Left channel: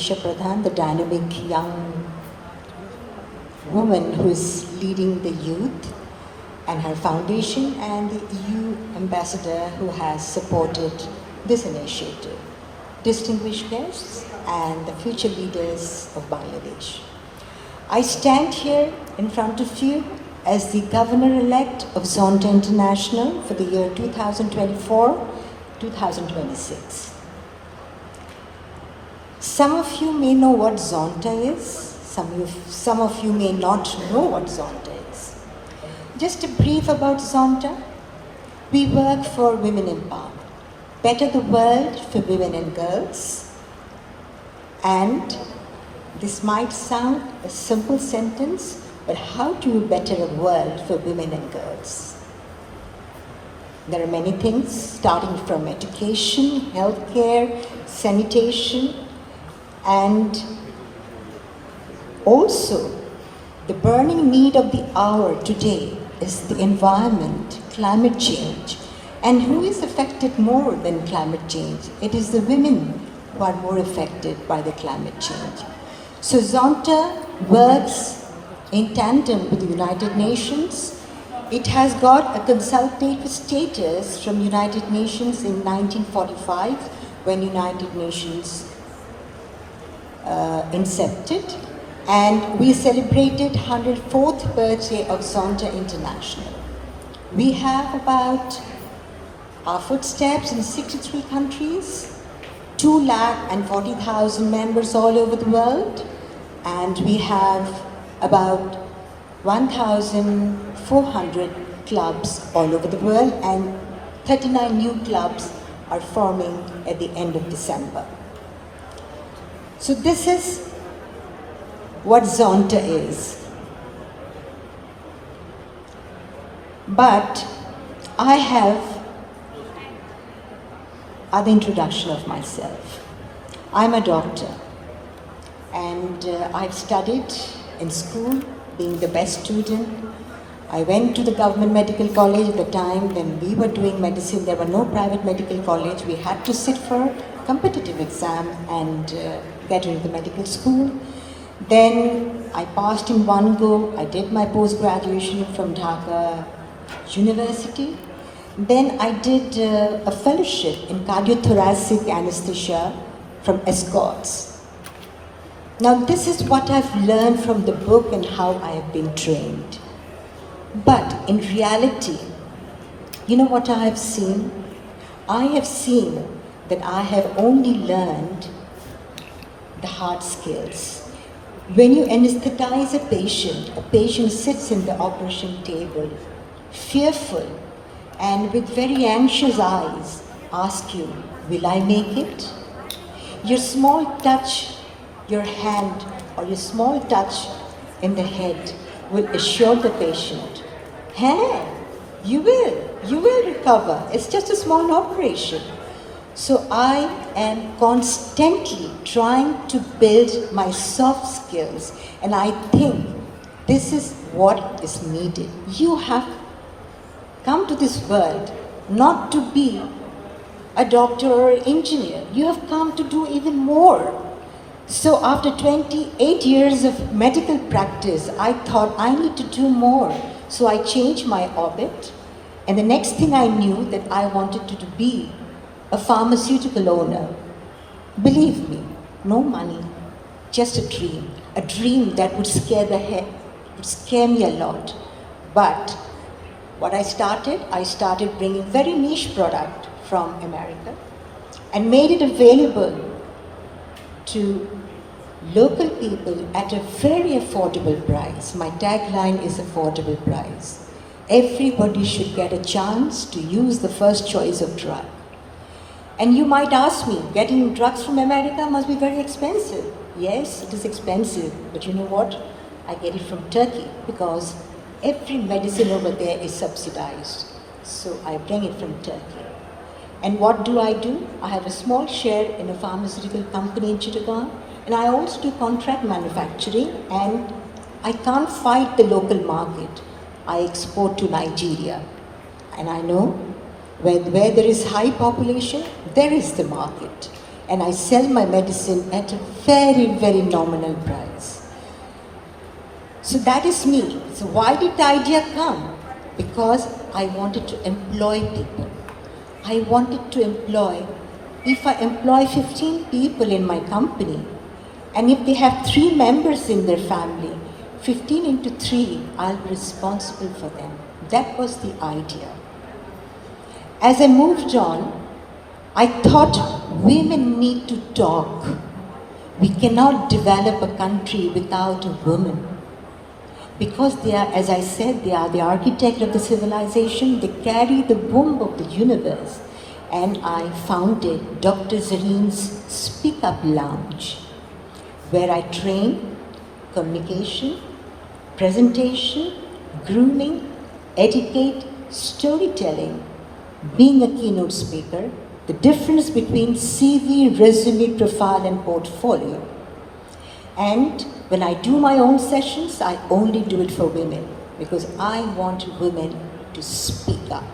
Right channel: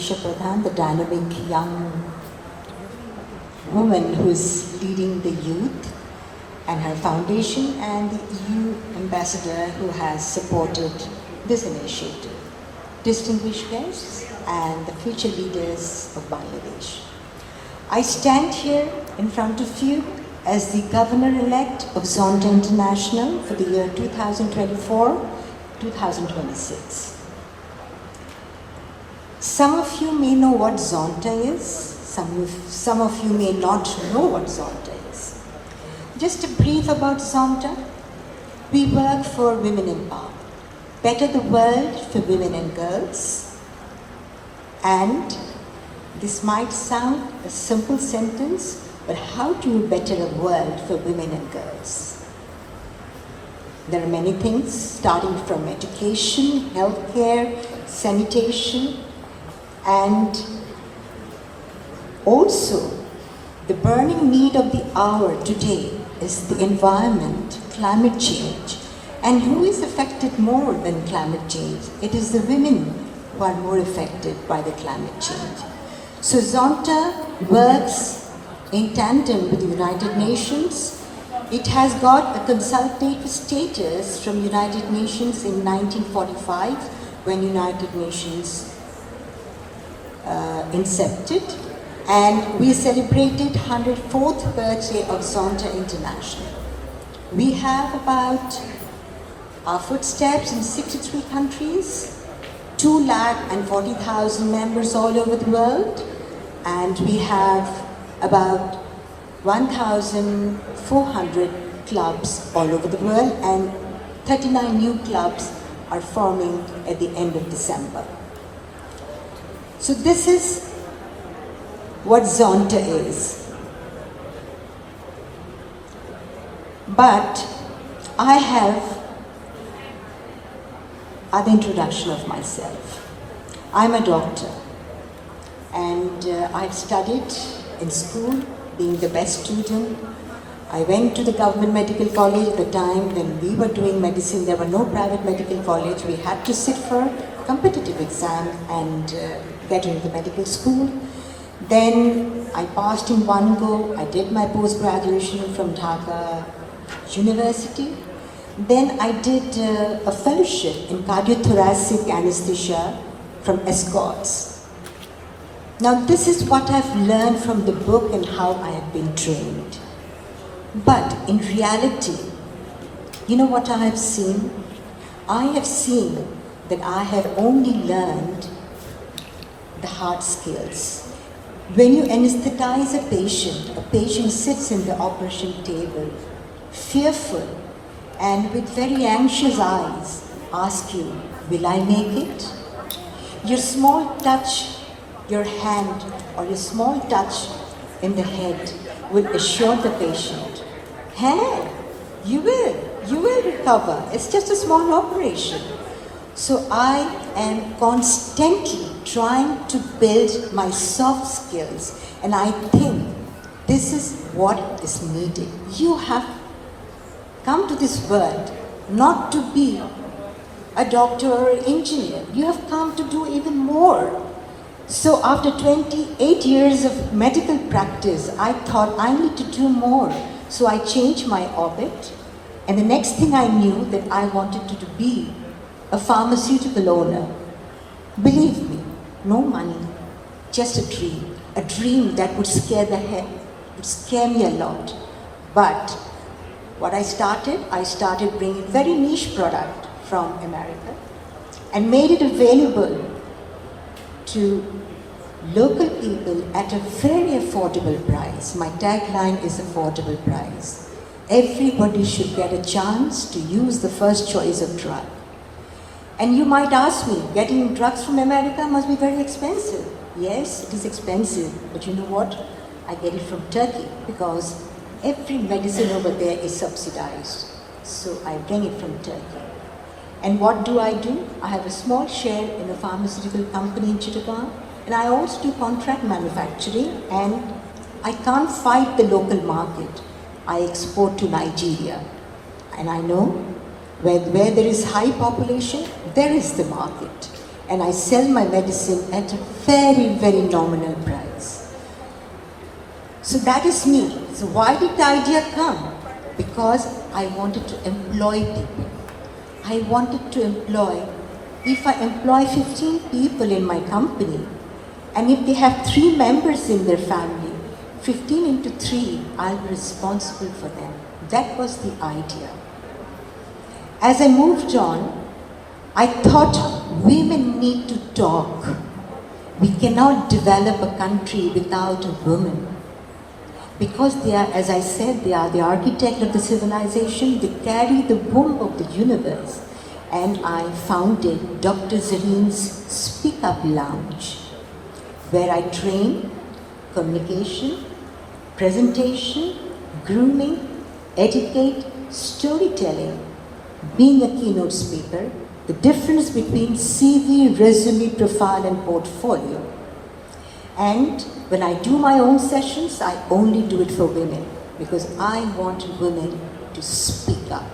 Isha Pradhan, the dynamic young woman who is leading the youth and her foundation, and the EU ambassador who has supported this initiative. Distinguished guests and the future leaders of Bangladesh. I stand here in front of you as the Governor-elect of Zonta International for the year 2024-2026. Some of you may know what Zonta is, some of you may not know what Zonta is. Just a brief about Zonta. We work for women in power, better the world for women and girls. And this might sound a simple sentence, but how do you better a world for women and girls? There are many things, starting from education, healthcare, sanitation, and also the burning need of the hour today is the environment, climate change. And who is affected more than climate change? It is the women who are more affected by the climate change. So Zonta works in tandem with the United Nations. It has got a consultative status from United Nations in 1945 when United Nations incepted, and we celebrated 104th birthday of Zonta International. We have about our footsteps in 63 countries, 240,000 members all over the world, and we have about 1,400 clubs all over the world, and 39 new clubs are forming at the end of December. So this is what Zonta is. But I have other introduction of myself. I'm a doctor, and I've studied in school, being the best student. I went to the government medical college at the time when we were doing medicine. There were no private medical college. We had to sit for competitive exam and get into the medical school. Then I passed in one go. I did my post-graduation from Dhaka University. Then I did a fellowship in cardiothoracic anesthesia from Escorts. Now this is what I've learned from the book and how I have been trained. But in reality, you know what I have seen? I have seen that I have only learned the hard skills. When you anesthetize a patient sits in the operation table, fearful, and with very anxious eyes, ask you, will I make it? Your small touch, your hand, or your small touch in the head will assure the patient, hey, you will recover. It's just a small operation. So I am constantly trying to build my soft skills, and I think this is what is needed. You have come to this world not to be a doctor or an engineer. You have come to do even more. So after 28 years of medical practice, I thought I need to do more. So I changed my orbit, and the next thing I knew that I wanted to be a pharmaceutical owner. Believe me, no money, just a dream that would scare me a lot. But what I started bringing very niche product from America and made it available to local people at a very affordable price. My tagline is affordable price. Everybody should get a chance to use the first choice of drug. And you might ask me, getting drugs from America must be very expensive. Yes, it is expensive, but you know what? I get it from Turkey because every medicine over there is subsidized. So I bring it from Turkey. And what do? I have a small share in a pharmaceutical company in Chittagong, and I also do contract manufacturing, and I can't fight the local market. I export to Nigeria. And I know where there is high population, there is the market. and I sell my medicine at a very, very nominal price. So that is me. So why did the idea come? Because I wanted to employ people. I wanted to employ, if I employ 15 people in my company, and if they have 3 members in their family, 15 into 3, I'll be responsible for them. That was the idea. As I moved on, I thought women need to talk. We cannot develop a country without a woman. Because they are, as I said, they are the architect of the civilization, they carry the womb of the universe. And I founded Dr. Zareen's Speak Up Lounge, where I train communication, presentation, grooming, etiquette, storytelling, being a keynote speaker, the difference between CV, resume, profile, and portfolio. And when I do my own sessions, I only do it for women because I want women to speak up.